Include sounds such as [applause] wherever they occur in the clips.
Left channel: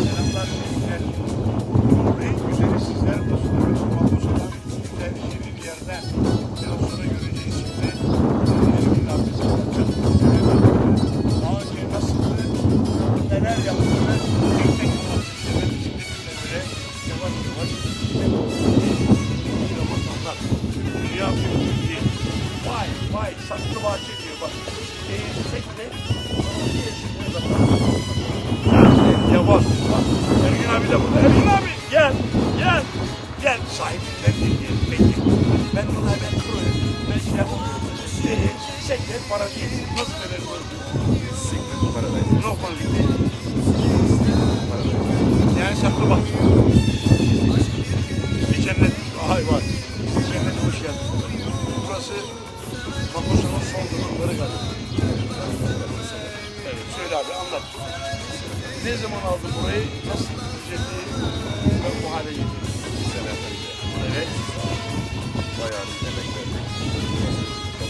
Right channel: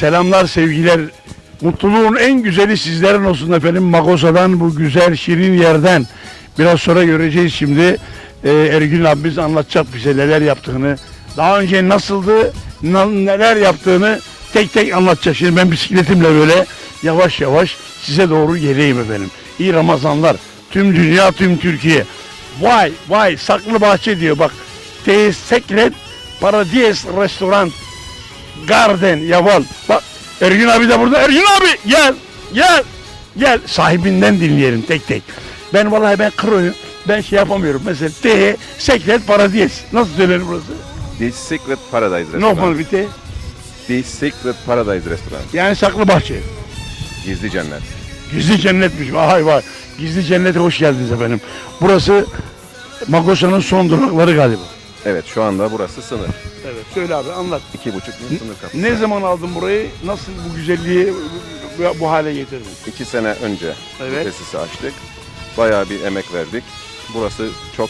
Selamlar, sevgiler. Mutluluğun en güzeli sizlerin olsun efendim. Magosa'dan bu güzel, şirin yerden. Biraz sonra göreceğiz şimdi. Ee, Ergün abimiz anlatacak bize neler yaptığını. Daha önce nasıldı, na- neler yaptığını tek tek anlatacak. Şimdi ben bisikletimle böyle yavaş yavaş size doğru geleyim efendim. İyi Ramazanlar. Tüm dünya, tüm Türkiye. Vay vay saklı bahçe diyor bak. Te Secret Paradise Restoran. Garden Yaval. Bak Ergün abi de burada. Ergün abi gel gel gel. Sahibinden dinleyelim tek tek. Ben vallahi ben kroyum. Ben şey yapamıyorum. Mesela T Secret Paradise. Nasıl söylenir burası? The Secret Paradise Restaurant. yapalım bir T? The Secret Paradise Restaurant. Yani saklı bahçe. Gizli cennet. Gizli cennetmiş. Vay vay. Gizli cennete hoş geldiniz efendim. Burası Magosa'nın son durakları galiba. Evet şu anda burası sınır. Söyle abi anlat. İki buçuk kapısı. Ne zaman aldın burayı? Nasıl bu güzelliği bu- bu hale getirdin? İki sene önce Evet. tesis açtık. Bayağı bir emek verdik. Burası çok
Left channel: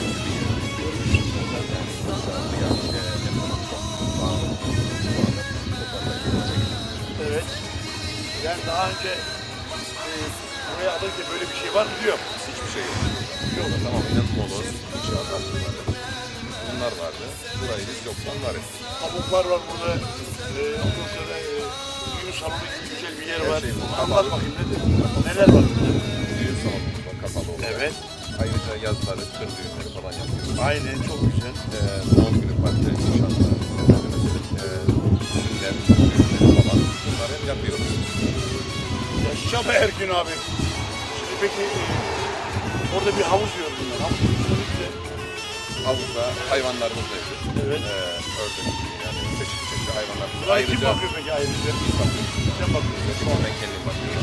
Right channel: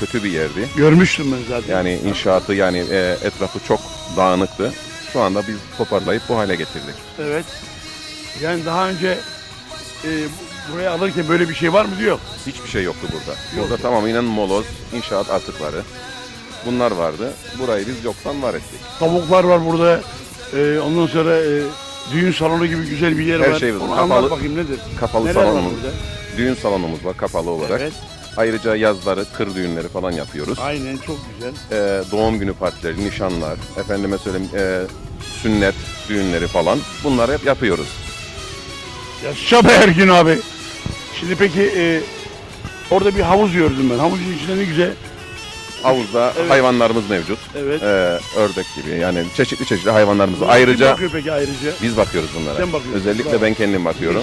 kötü bir yerdi. Görmüştüm ben zaten. Yani inşaatı yani e, etrafı çok dağınıktı. Şu anda biz toparlayıp bu hale getirdik. Evet. Yani daha önce e, buraya alırken böyle bir şey var mı diyor. Hiçbir şey yoktu burada. Burada tamamen moloz, inşaat atıkları. Bunlar vardı. Burayı biz yoktan var ettik. Tavuklar var burada. E, ondan sonra e, düğün salonu gibi güzel bir yer Her var. şey var. Anlat Kapalı- bakayım nedir? Kapalı Neler var salonumuz, burada? düğün salonumuz var kapalı olarak. Evet. Ayrıca yazları, kır düğünleri falan yapıyoruz. Aynen çok güzel. Ee, doğum günü partileri, nişanlar, efendime söyleyeyim e, sünnet düğünleri falan bunları hep yapıyoruz. Yaşa be Ergün abi. Şimdi peki e, orada bir havuz gördüm ben. Havuzun içinde ne güzel. Havuzda Evet. hayvanlarımız mevcut. Evet. Ee, ördek gibi yani çeşitli çeşitli hayvanlarımız. Kim Ayrıca peki ayrıca? biz bakıyoruz bunlara. Sen bakıyorsun. Özellikle ben kendim bakıyorum.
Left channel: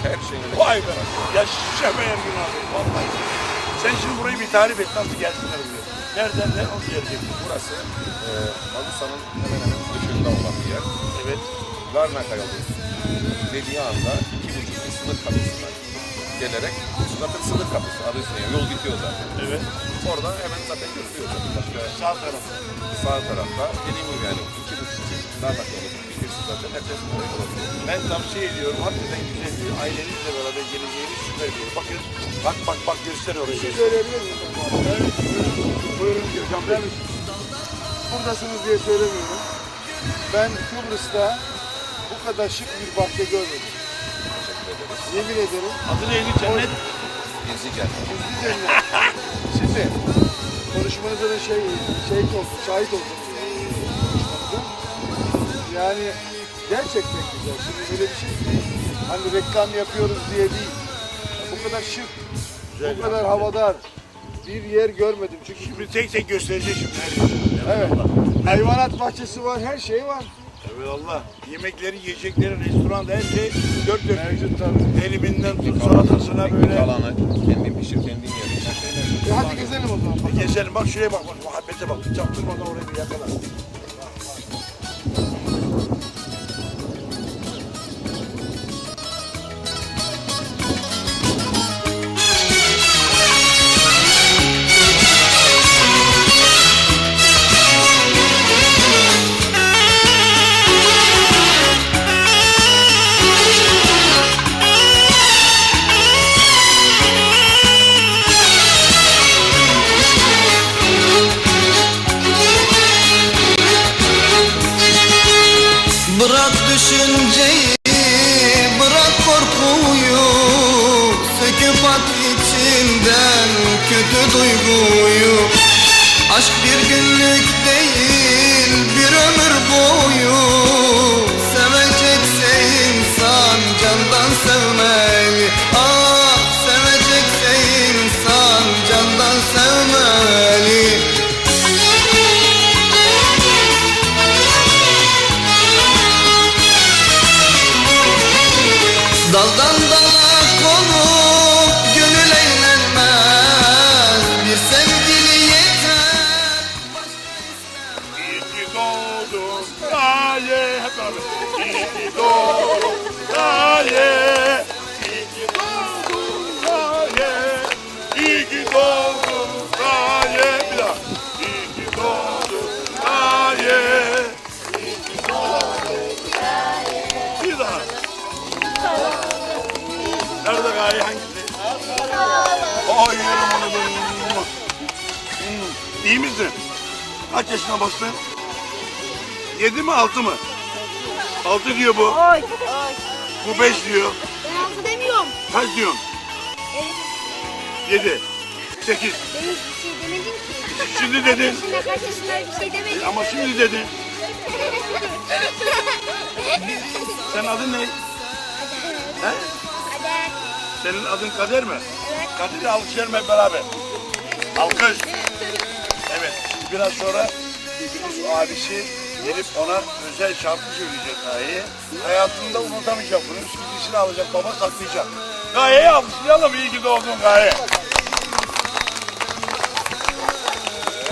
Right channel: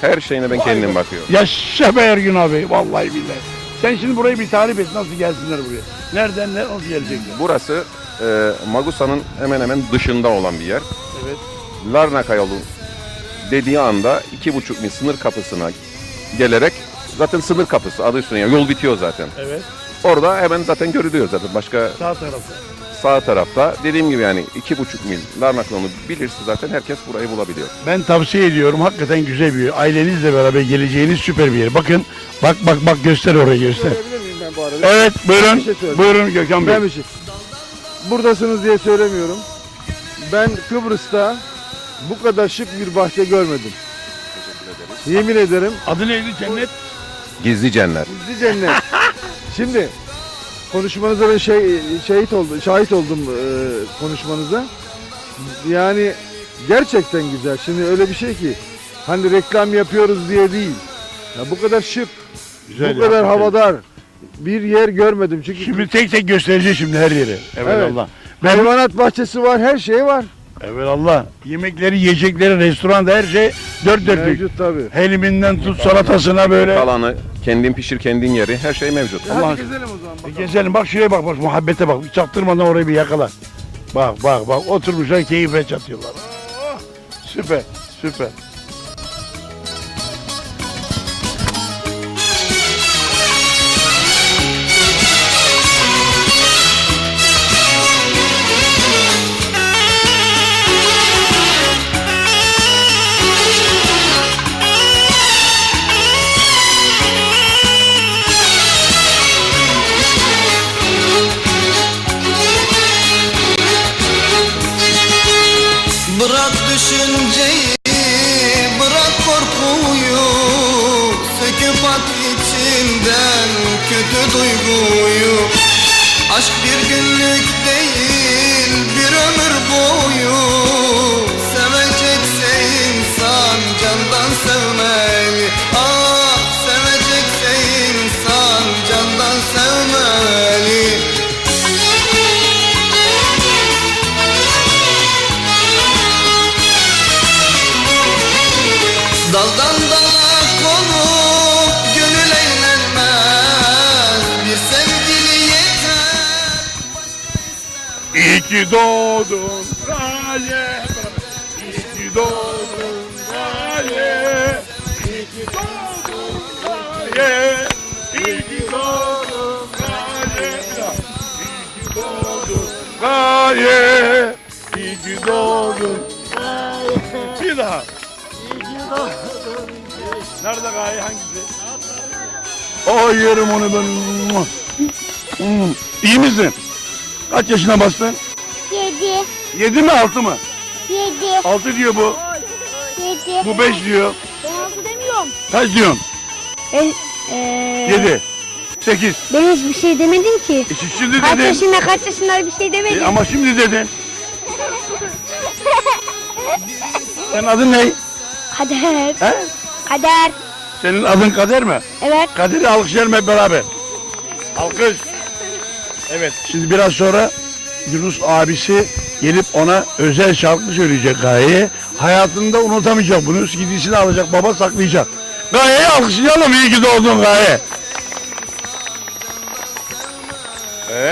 Her şeyine ben Vay kendim be. bakıyorum. Yaşa be Ergün abi. Vallahi billahi. Sen şimdi burayı bir tarif et. Nasıl gelsinler buraya? Nereden ne nasıl gelecekler? Burası e, Magusa'nın hemen hemen dışında olan bir yer. Evet. Larnaka yolu dediği anda iki buçuk mil sınır kapısına gelerek zaten sınır kapısı adı üstünde yani yol bitiyor zaten. Evet. Orada hemen zaten görülüyor zaten. Başka Sağ tarafta. sağ tarafta dediğim gibi yani iki buçuk mil Larnaka yolu bilirse zaten herkes burayı bulabiliyor. Ben tavsiye ediyorum. Hakikaten güzel bir yer. Ailenizle beraber geleceğiniz süper bir yer. Bakın. Bak bak bak göster orayı göster. Evet buyurun. Buyurun Gökhan Bey. Şey. Buradasınız diye söylemiyorum. Ben Kıbrıs'ta bu kadar şık bir bahçe görmedim. Yemin ederim Adı neydi cennet? Gizli cennet. bir cennet. Şimdi konuşmanıza ben şey şahit oldum, şahit oldum e, konuşmanıza. Yani gerçekten güzel. Şimdi öyle bir şey ki hani reklam yapıyoruz diye değil. Ya bu kadar şık, Güzel bu kadar havadar bir yer görmedim. Çünkü Şimdi tek tek göstereceğiz şimdi her yeri. Evet, Evet. Allah. hayvanat bahçesi var, her şey var. Evet Allah. Yemekleri, yiyecekleri, restoranda her şey dört dörtlük. Mevcut tabii. Heliminden tut salatasına böyle. Kalanı kendin pişir kendin yeri her şey mevcut. Hadi gezelim o zaman. Gezelim bak şuraya bak bak muhabbete bak. Çaktırmadan orayı bir yakala. Bak bak bak oturmuşlar keyifle çatıyorlar. Süper süper. Oy yerim onu ben. İyi misin? Kaç yaşına bastın? Yedi. Yedi mi altı mı? Yedi. Altı diyor bu. Yedi. Bu beş diyor. Kaç diyorsun? Ben, eee... Yedi. Sekiz. Ben hiçbir şey demedim ki. E, Şimdi Kaç dedin. yaşında kaç yaşında bir şey E, demedim. ama şimdi dedin. [laughs] Senin adın ne? Kader. He? Kader. Senin adın Kader mi? Evet. Kader'i alkışlayalım hep beraber. Alkış. Evet. Şimdi biraz sonra Yunus abisi gelip ona özel şarkı söyleyecek Gaye'ye. Hayatında unutamayacak bunu. Gidişini alacak baba saklayacak. Gaye'yi alkışlayalım. İyi ki doğdun Gaye.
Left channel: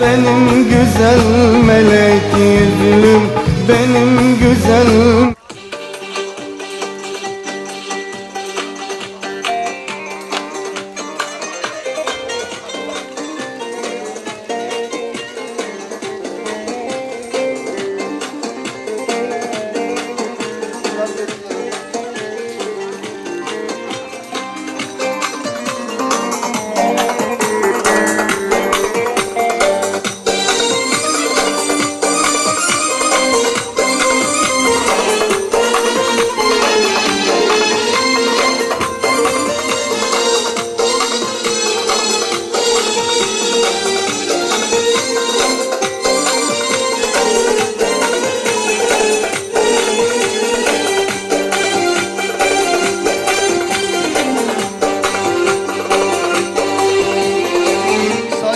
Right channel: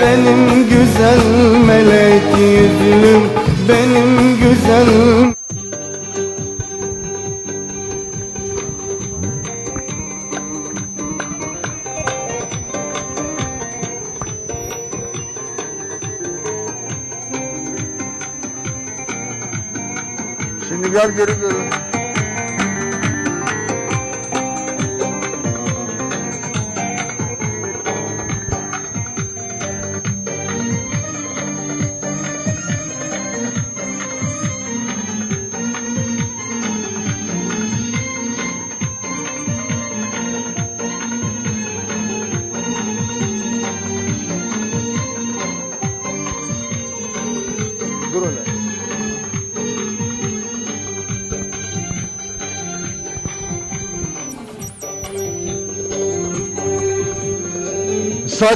Benim güzel melek yüzlüm Benim güzel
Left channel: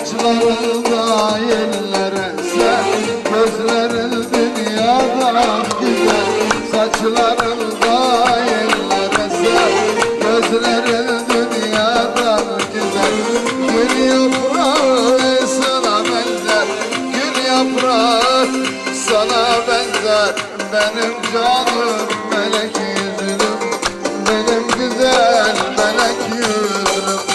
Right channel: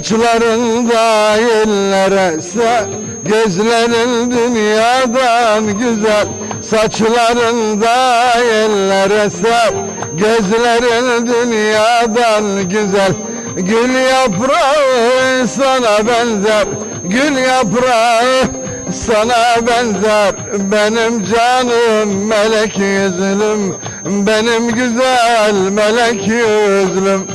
Saçlarında yellere ser Gözlerin dünyadan güzel. Saçlarında yellere ser Gözlerin dünyadan güzel. Gül yaprağı sana benzer Gül yaprağı sana benzer. Benim canım melek yüzlüm Benim güzel melek yüzlüm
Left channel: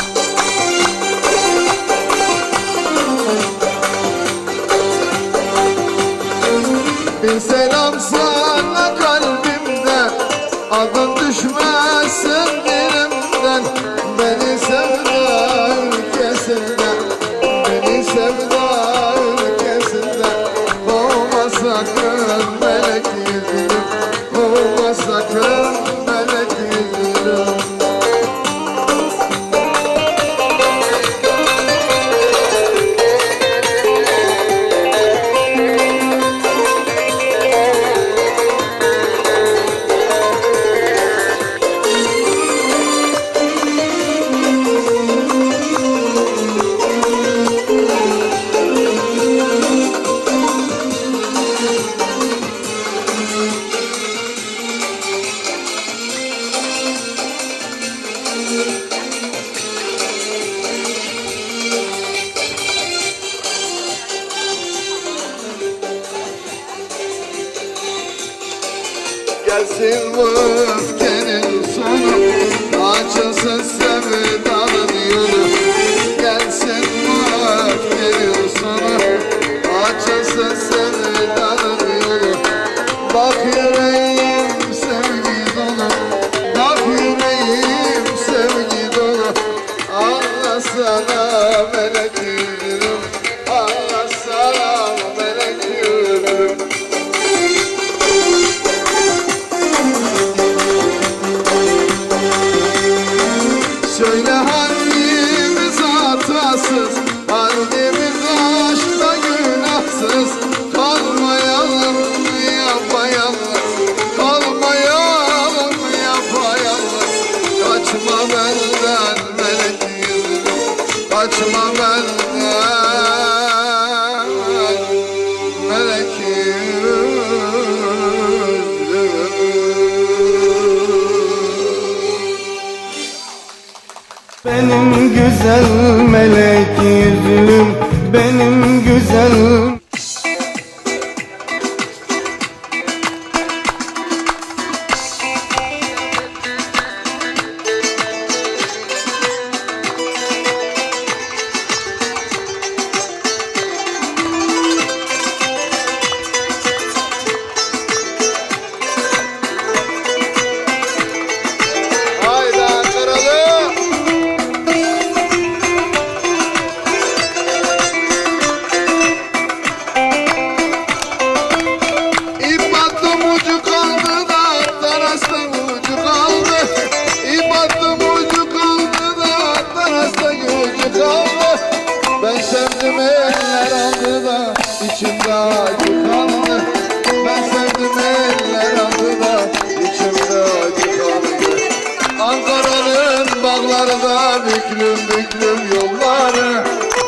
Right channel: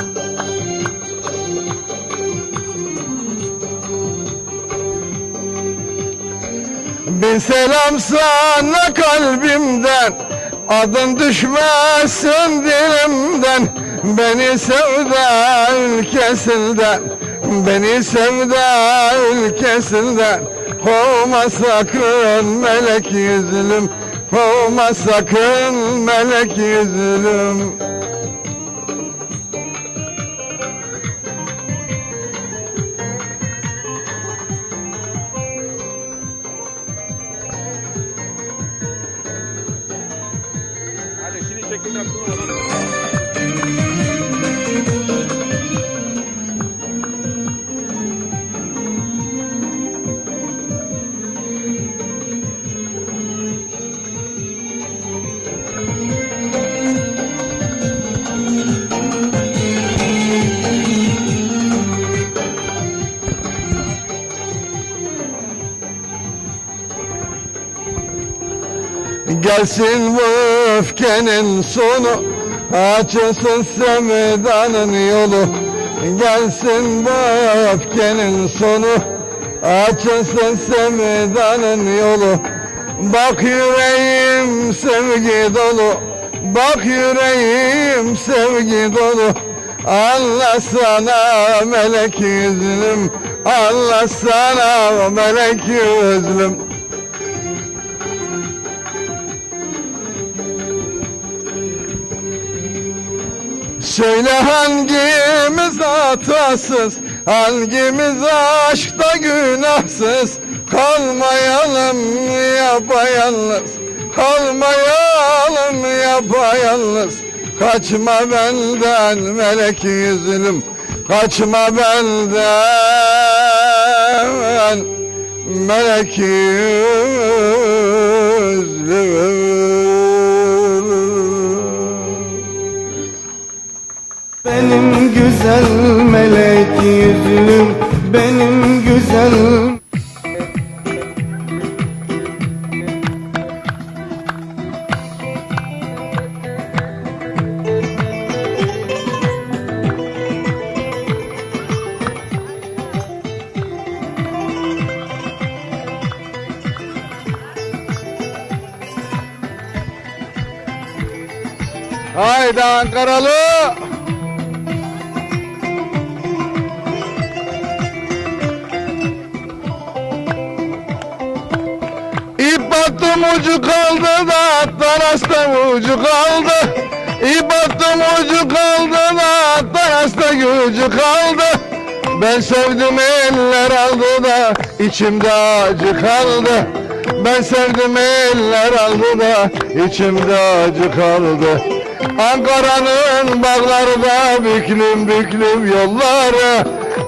Bir selam sana kalbimden Adın düşmesin dilimden. Beni sevda ülkesinde Beni sevda ülkesinde Olma sakın melek yüzlüm Olma sakın melek yüzlüm Gelsin bu öfkenin sonu. Açılsın sevdanın yolu. Gelsin bu öfkenin sonu. Açılsın sevdanın yolu. Bak yüreğim sevgi dolu. Bak yüreğim sevgi dolu. Allah sana melek yüzlüm. Allah sana melek yüzlüm hatasız Hangimiz aşkta günahsız? Kalmayalım yapayalnız. Kalmayalım yapayalnız. Kaçma benden melek yüzlüm Kaçma benden melek yüzlüm Benim güzel melek yüzlüm Benim güzel Haydi Ankaralı. Ucu kaldı da Darasta ucu kaldı. İyi baktım ucu kaldı da Darasta ucu kaldı. Ben sevdim eller aldı da içimde acı kaldı. Ben sevdim eller aldı da içimde acı kaldı. Ankara'nın bağlarda büklüm büklüm yolları.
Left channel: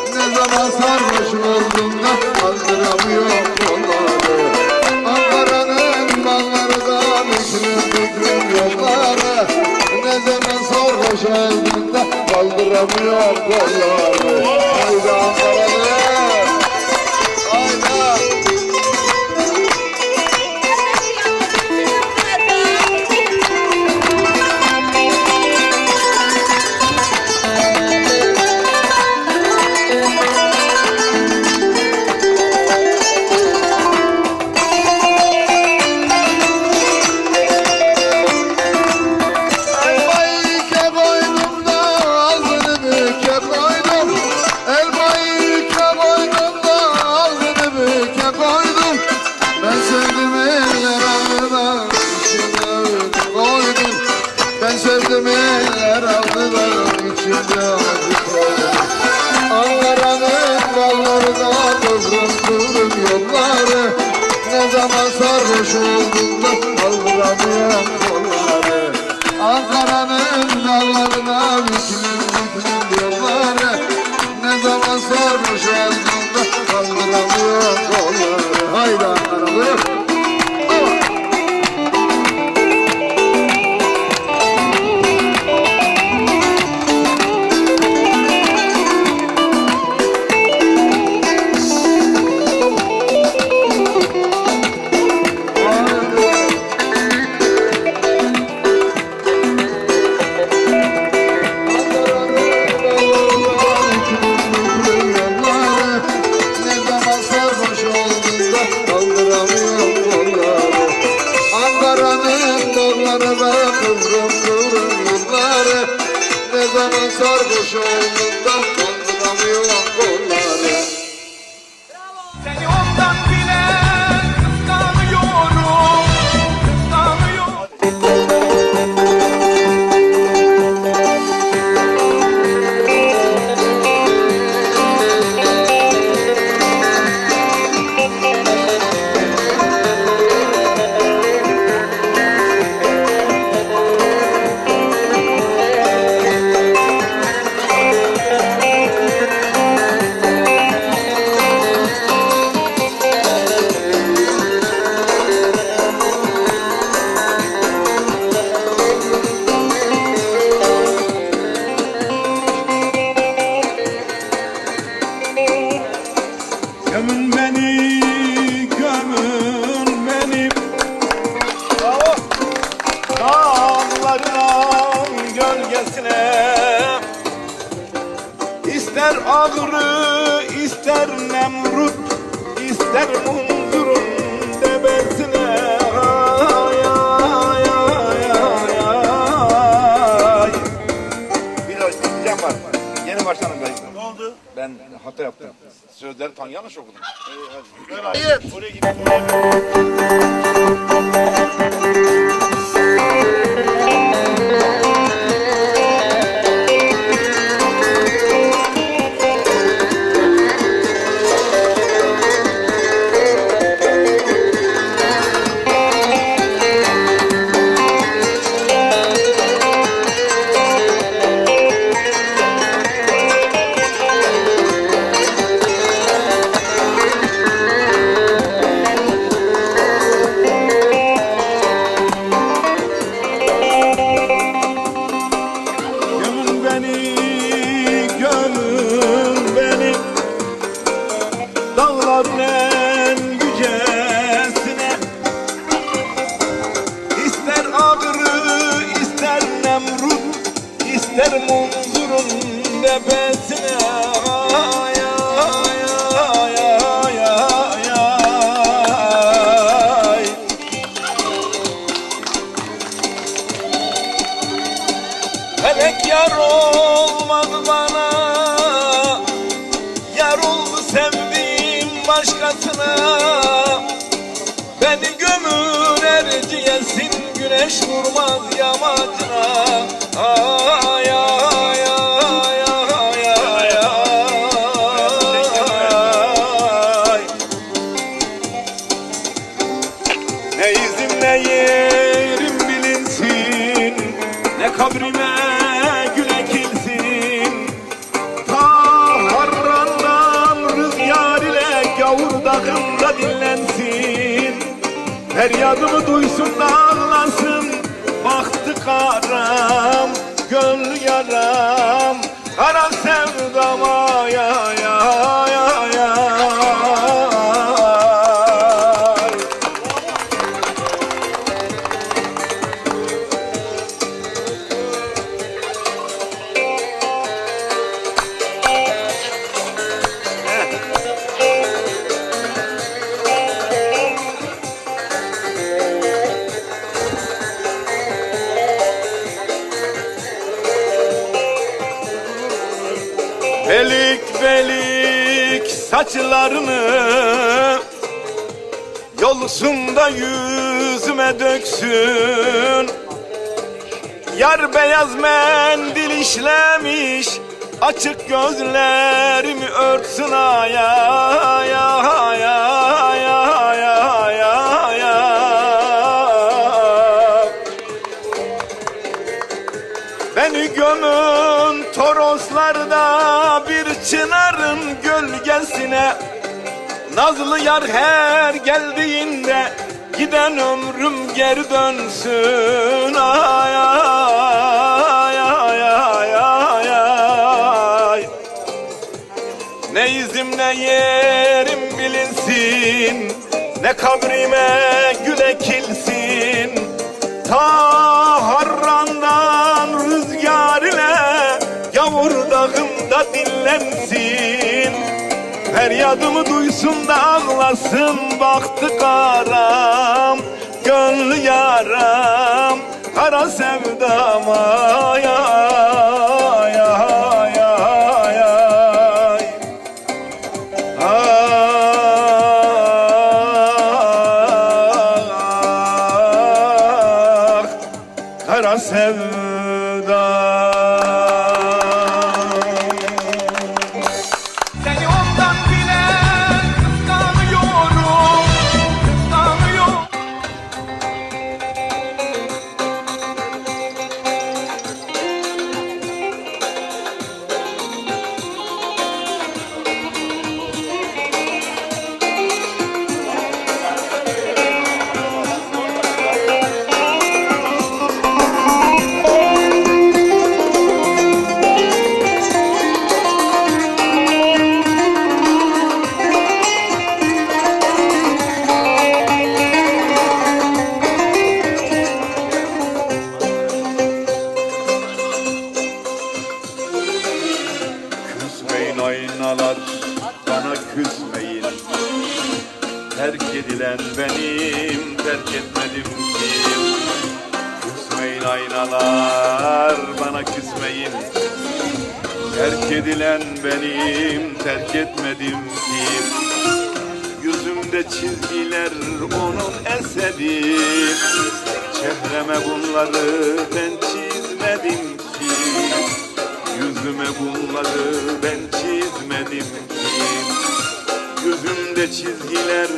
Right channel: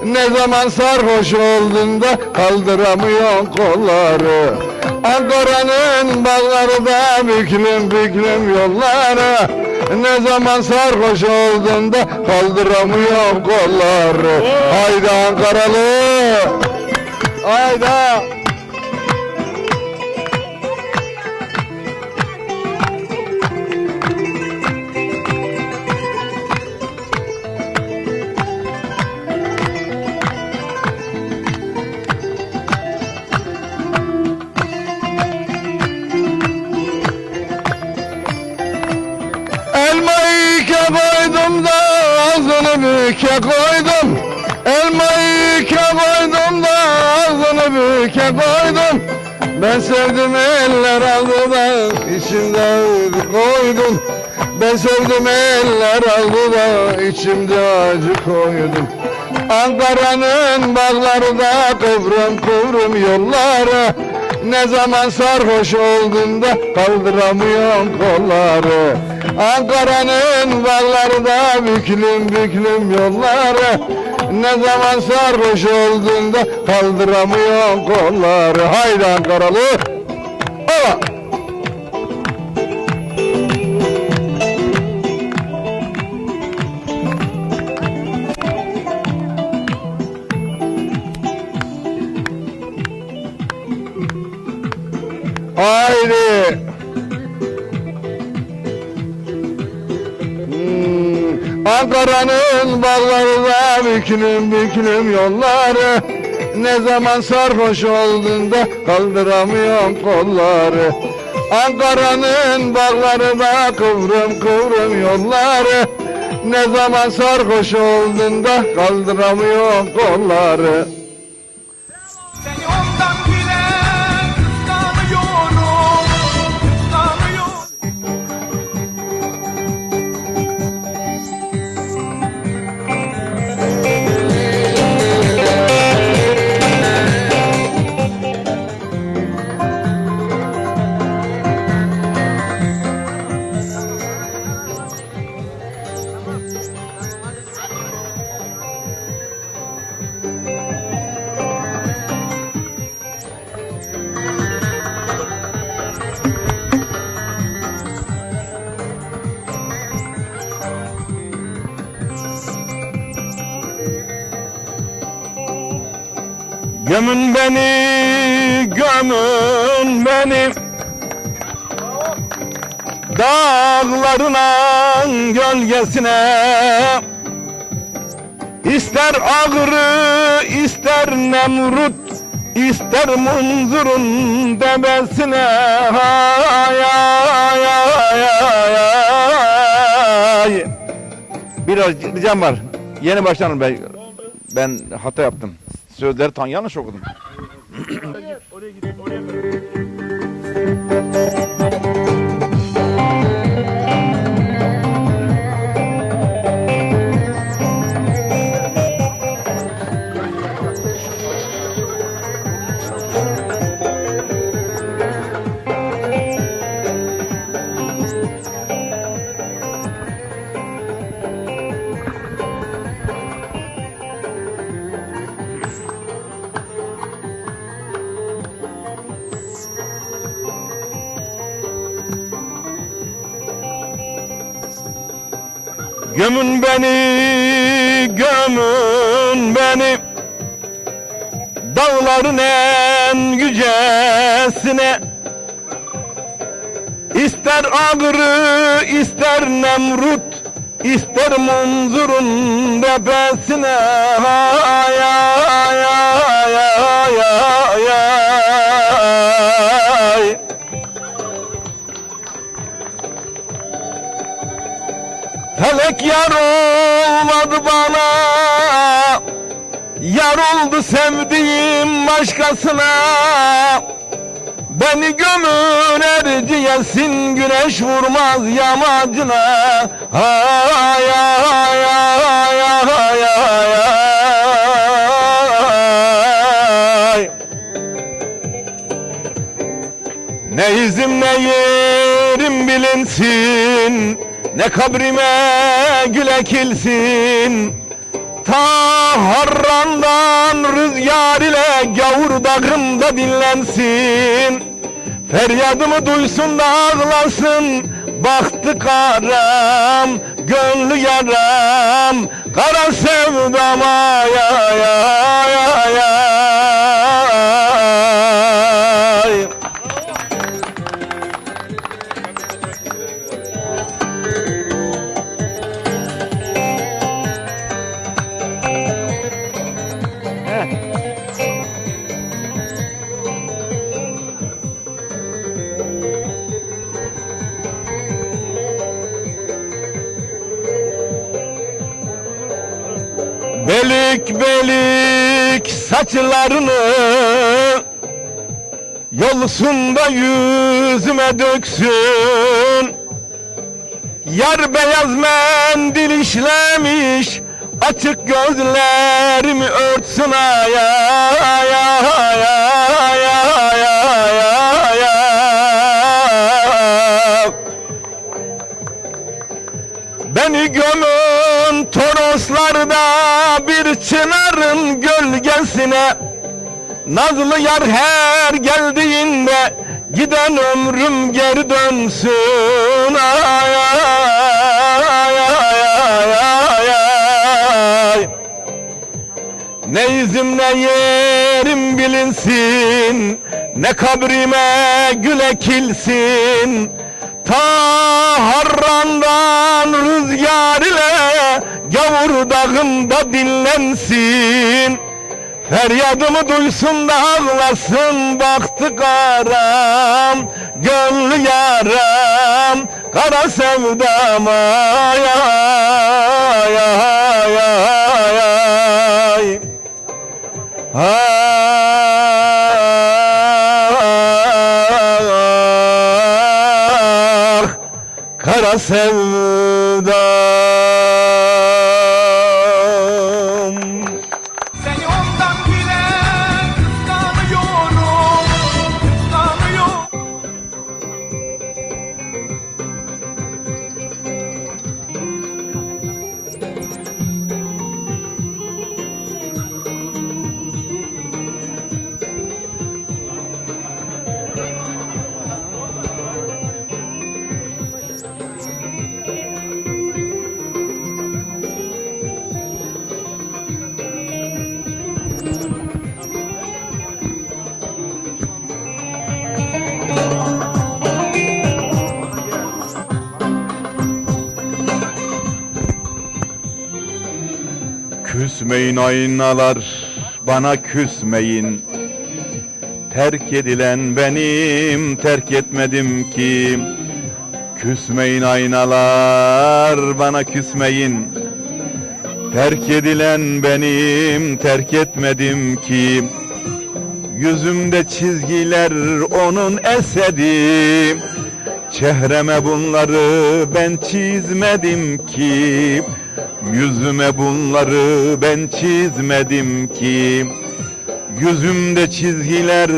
Ne zaman sarhoş oldun da kaldıramıyorsun kolları Ankara'nın bağlarda büklüm büklüm yolları. Ne zaman sarhoş oldun da kaldıramıyorsun kolları. Haydi Ankaralı Haydi acı koydum Ankara'nın bağlarında kıvrım kıvrım yolları. Ne zaman sarhoş oldum da kaldıramıyorum kolları. Ankara'nın dağlarında büklüm büklüm yolları. Ne zaman sarhoş oldum da kaldıramıyorum kolları. Haydi Ankaralı. Hala. Zaman sarhoş olduğunda kaldıramıyorum kolları. Ankara'nın bağlarında kıvrım kıvrım yolları Ne zaman sarhoş olduğunda kaldıramıyorum kolları İster ağrı, ister nemrut ister munzurun debesine Ay, ay, ay, ay. Biraz diyeceğim var. Yeni başlanım ben. Ben hata yaptım. Sözleri tam yanlış okudum. Gömün beni, gömün beni. Dağların en yücesine. İster ağrı, ister nemrut ister munzurun tepesine Ay, yar olmadı bana. Yar oldu sevdiğim başkasına. Beni gömün erciyesin güneş vurmaz yamacına. Ay ay ay ay ay Ne izim ne yerim bilinsin Ne kabrime gül ekilsin Ta harrandan rüzgar ile gavur dağında dinlensin. Feryadımı duysun da ağlasın. Baktı karam, gönlü yaram. Kara sevdama Belik belik saçlarını Yolsunda yüzüme döksün Yar beyaz mendil işlemiş Açık gözlerimi örtsün ay ay ay ay ay ay ay. Beni gömün gölgesine Nazlı yar her geldiğinde Giden ömrüm geri dönsün. Ay, ay, ay, ay. Ne izim ne yerim bilinsin Ne kabrime gül ekilsin Ta harrandan rüzgar ile Gavur dağında dinlensin Feryadımı duysun da ağlasın Baktı karam Gönlü yaram Kara sevdama ya, bana küsmeyin. Terk edilen benim terk etmedim ki. Küsmeyin aynalar bana küsmeyin. Terk edilen benim terk etmedim ki. Yüzümde çizgiler onun eseri Çehreme bunları ben çizmedim ki Yüzüme bunları ben çizmedim ki. Yüzümde çizgiler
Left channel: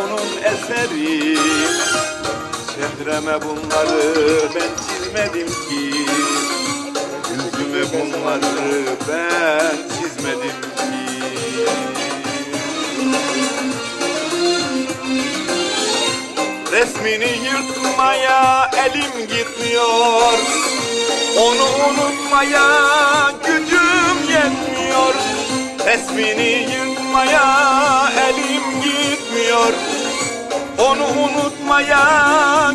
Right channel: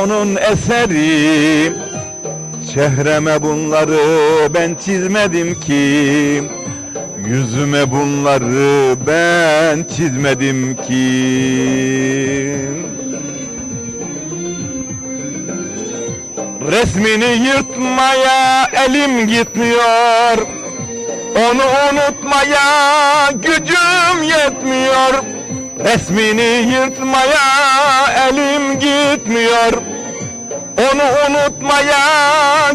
onun eseri. Çehreme bunları ben çizmedim ki. Yüzüme bunları ben çizmedim ki. Resmini yırtmaya elim gitmiyor Onu unutmaya gücüm yetmiyor. Resmini yırtmaya elim gitmiyor. Onu unutmaya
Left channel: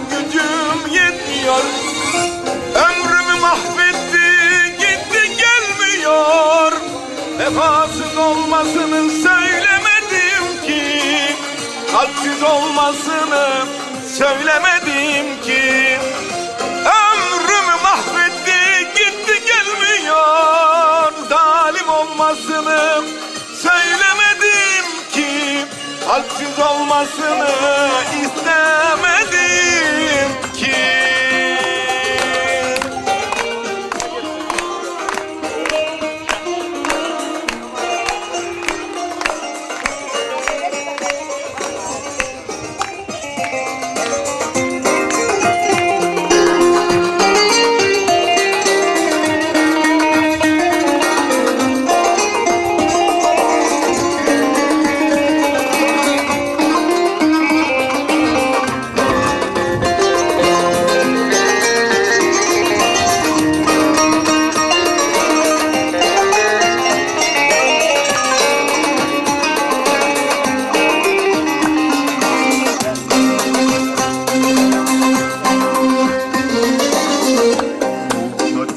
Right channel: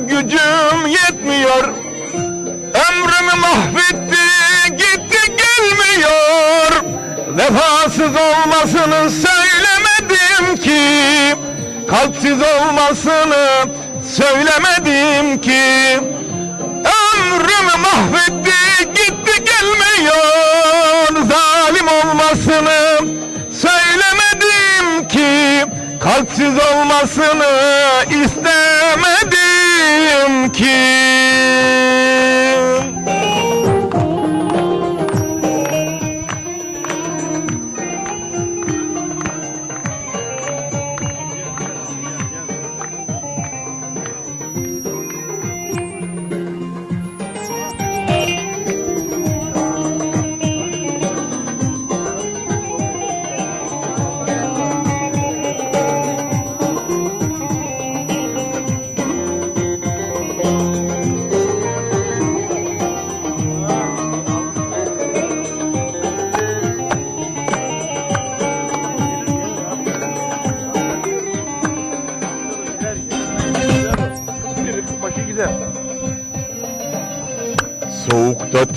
gücüm yetmiyor. Ömrümü mahvetti gitti gelmiyor. Vefasız olmasını söylemedim ki. Kalpsiz olmasını söylemedim ki olmasını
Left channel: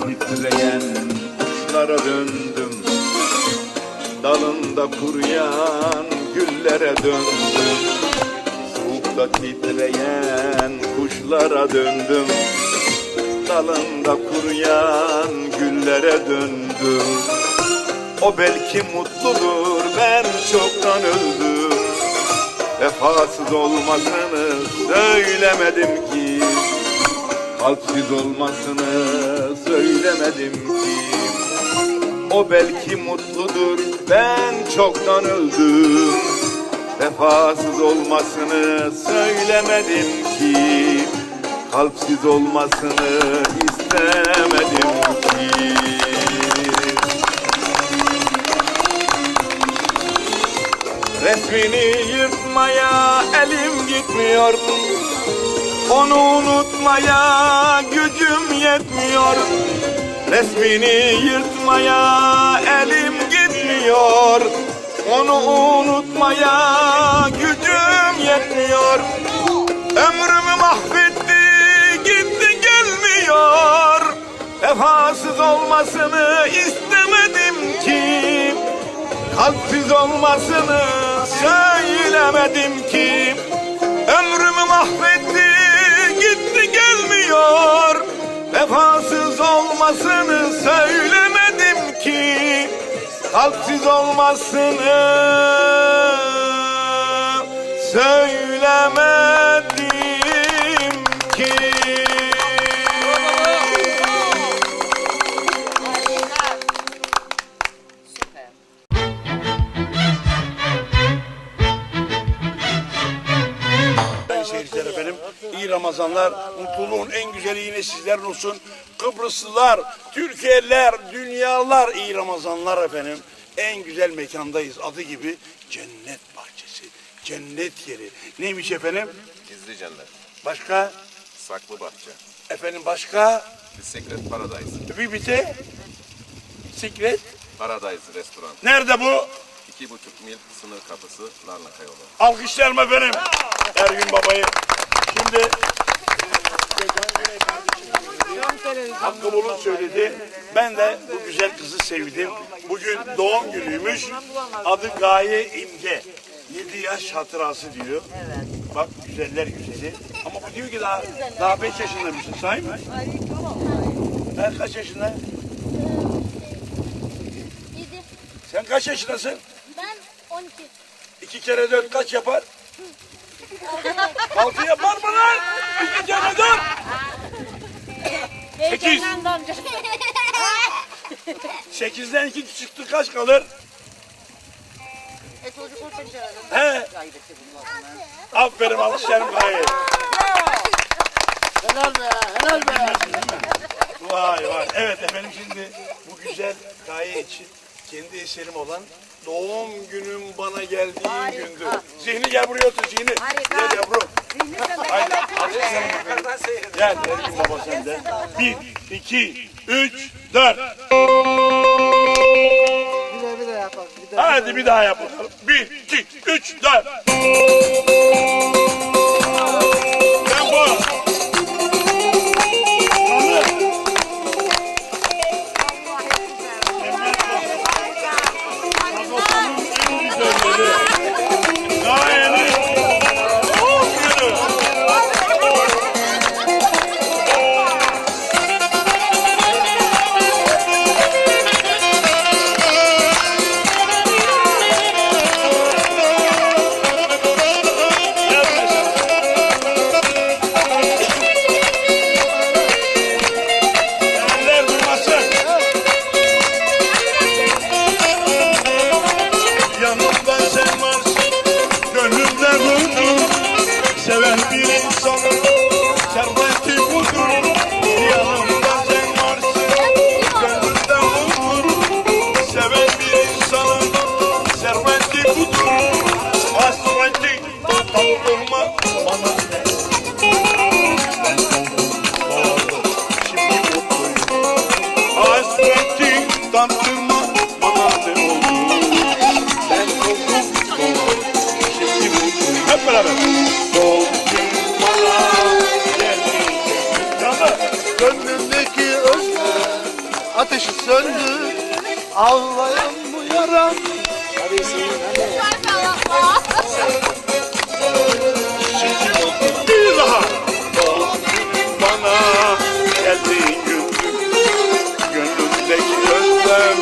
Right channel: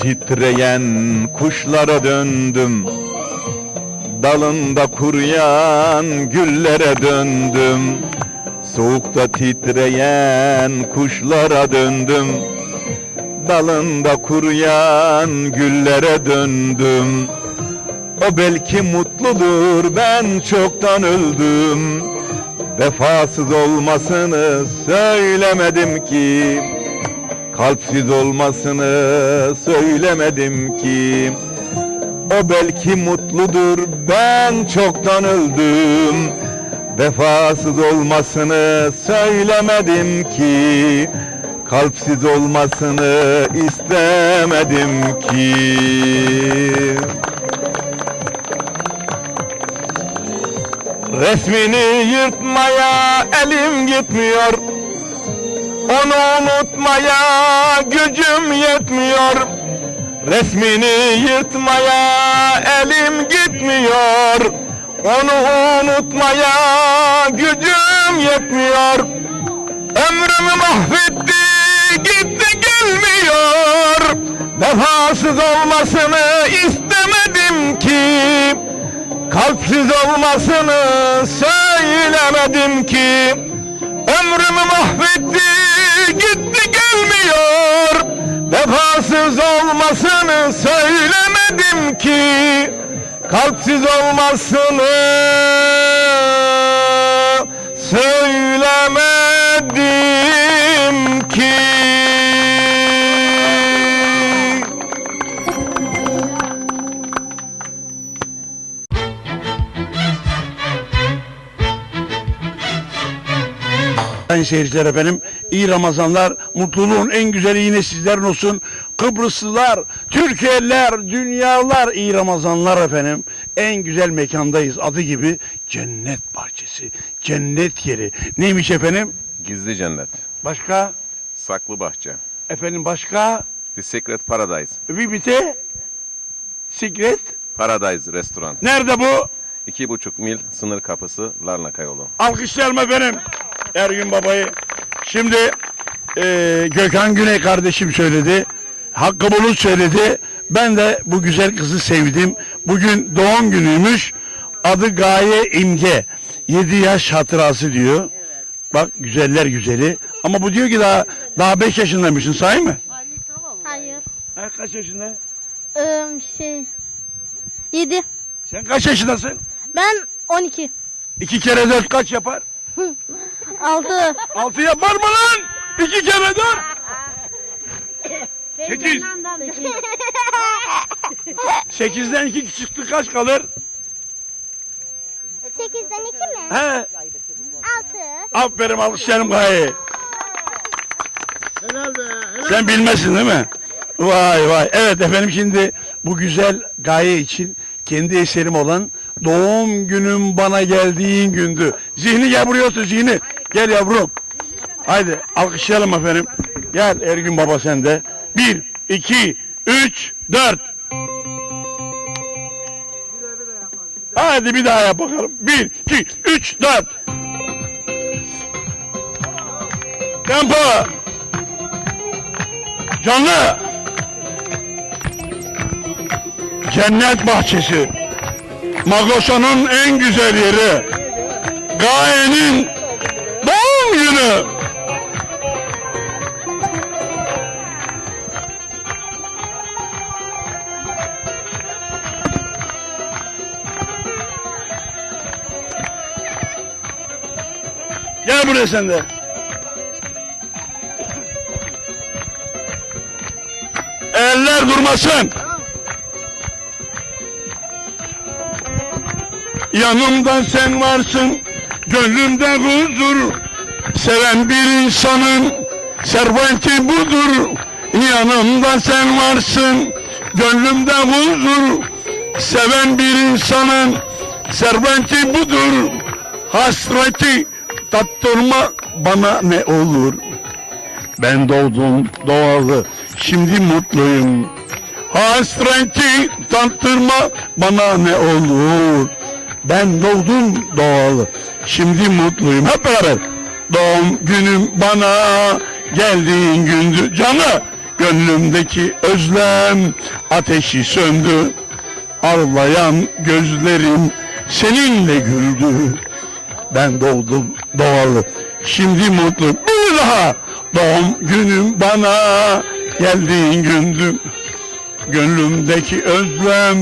titreyen kuşlara döndüm. Dalında kuruyan güllere döndüm. Soğukta titreyen kuşlara döndüm. Dalında kuruyan güllere döndüm. O belki mutludur ben çoktan öldüm. Vefasız olmasını söylemedim ki Kalpsiz olmasını söylemedim ki. O belki mutludur ben çoktan öldüm. Vefasız olmasını söylemedim ki. Kalpsiz olmasını istemedim ki. Resmini yırtmaya elim gitmiyor onu unutmaya gücüm yetmiyor. Resmini yırtmaya elim gitmiyor. Onu unutmaya gücüm yetmiyor. Ömrümü mahvetti gitti gelmiyor. Vefasız olmasını istemedim ki. Kalpsiz olmasını söylemedim ki. Ömrümü mahvetti Vefasız olmasını söylemedim ki Kalpsiz olmasını söylemedim seyirciler efendim, iyi Ramazanlar, mutluluğun en güzeli yine sizlerin olsun. Kıbrıslılar, Türkiye'liler, dünyalar iyi Ramazanlar efendim. En güzel mekandayız adı gibi cennet bahçesi, cennet yeri. Neymiş efendim? Gizli cennet, Başka? saklı bahçe, Efendim başka? The Secret Paradise, Bir bite? Sikret? Paradise Restoran. Nerede bu? İki buçuk mil sınır kapısı Larnaka yolu. Alkışlayalım efendim. Ergün babayı. Şimdi eee, Gökhan Güney kardeşim söyledi. Hakkı Bulut söyledi. Ben de bu güzel kızı sevdim. Bugün doğum günüymüş. Adı Gaye İmge. 7 yaş hatırası diyor. Bak güzeller güzeli. Ama bu diyor ki daha daha 5 yaşındaymışsın sahi mi? Hayır. Sen kaç yaşında? Ee, şey... 7. Sen kaç yaşındasın? Ben 12. 2 kere 4 kaç yapar? [laughs] 6. 6 yapar mı lan? 2 kere 4. 8. 8'den 2 çıktı kaç kalır? 8'den 2 mi? He? 6. Aferin alışlarım gaye. Sen bilmesin değil mi? Vay vay. Evet efendim şimdi bu güzel gaye için kendi eserim olan doğum günüm bana geldiğin gündü. Zihni gel buraya otur Zihni. Gel yavrum. Haydi alkışlayalım efendim. Gel Ergün baba sen de. Bir, iki, üç, dört. Hadi bir daha yap bakalım. Bir, iki, üç, dört. Tempo. Canlı. Cennet bahçesi. Magosa'nın en güzel yeri. Gaye'nin bir insanın serveti budur. Yanımda sen varsın, gönlümde huzur. Seven bir insanın serveti budur. Hasreti tattırma bana ne olur. Ben doğdum doğalı, şimdi mutluyum. Hasreti tattırma bana ne olur. Ben doğdum doğalı, şimdi mutluyum. Hep beraber. Doğum günüm bana geldiğin gündü. Canı gönlümdeki özlem ateşi söndü. Ağlayan gözlerim seninle güldü. Ben doğdum doğalı, şimdi mutlu. Bir daha doğum günüm bana geldiğin gündü. Gönlümdeki özlem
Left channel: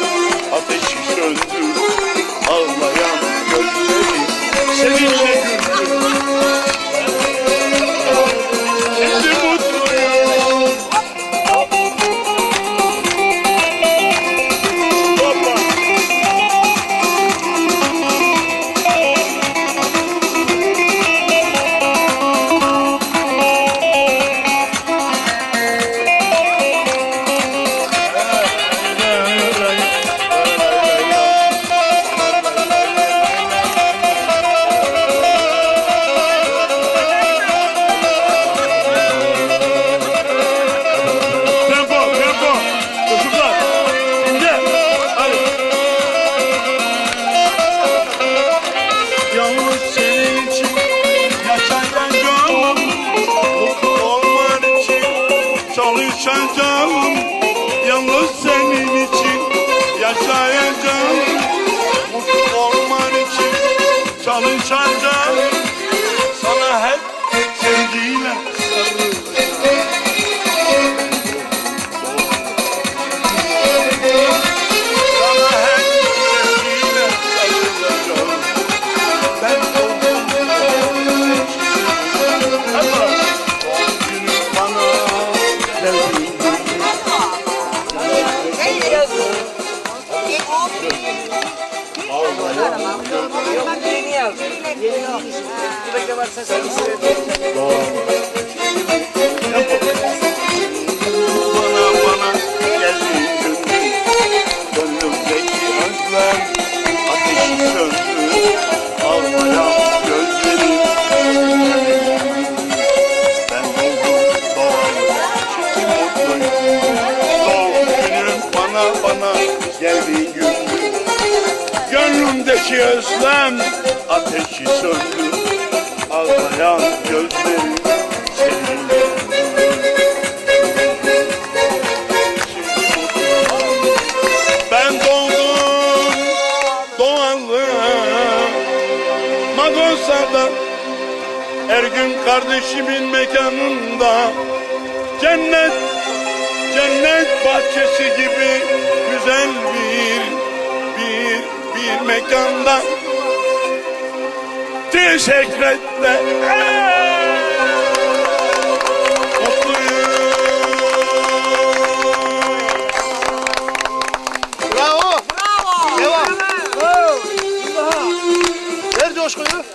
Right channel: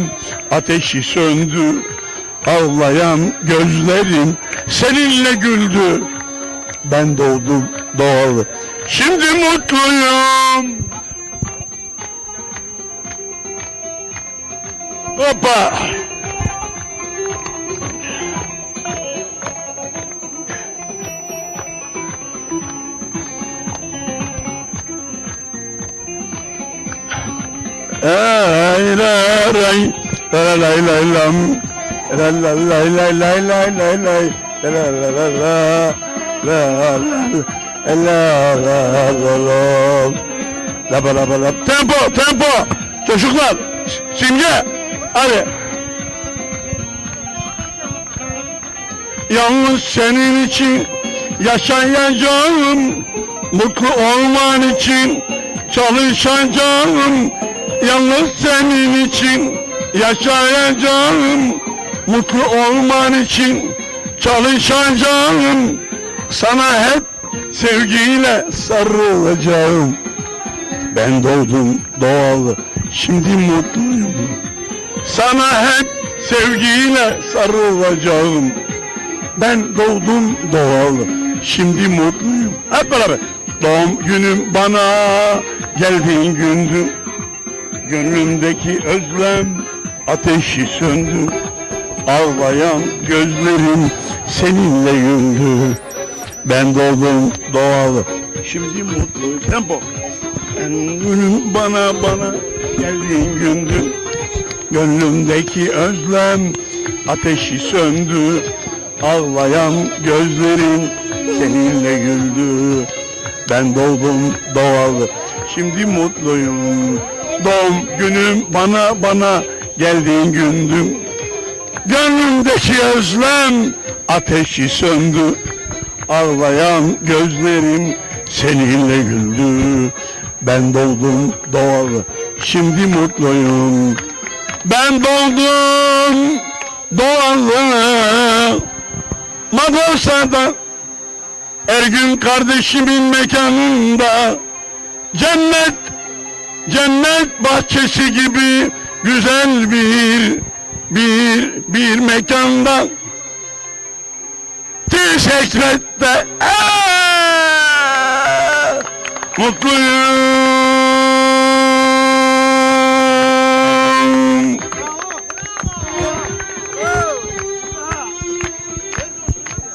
ateşi söndü. Ağlayan gözlerim seninle güldü. Ben doğdum doğalı, şimdi mutluyum. İçin yaşayacağım. Mutlu olman için çalışacağım. Yalnız senin için yaşayacağım. Mutlu olman için çalışacağım. Sana hep sevgiyle sarılacağım. Ben doğdum doğalı, şimdi mutluyum. Sana hep sevgiyle sarılacağım. Ben doğdum doğalı, şimdi mutluyum. Hep beraber. Doğum günüm bana geldiğin gündü. Gönlümdeki özlem ateşi söndü. Ağlayan gözlerim seninle güldü. Ben doğdum doğalı, şimdi mutluyum. Tempo. Gönlüm bana bana geldiğin gündü. Gönlümdeki özlem ateşi söndü. Ağlayan gözlerim seninle güldü. Ben doğdum doğalı, şimdi mutluyum. Doğum günüm bana bana geldiğin gündü. Gönlümdeki özlem ateşi söndü. Ağlayan gözlerim seninle güldü. Ben doğdum doğalı, şimdi mutluyum. Ben doğdum doğalı, Magunsa'da Ergün kardeşimin mekanında Cennet, cennet bahçesi gibi güzel bir, bir, bir mekanda Teşekkür ederim. Mutluyum.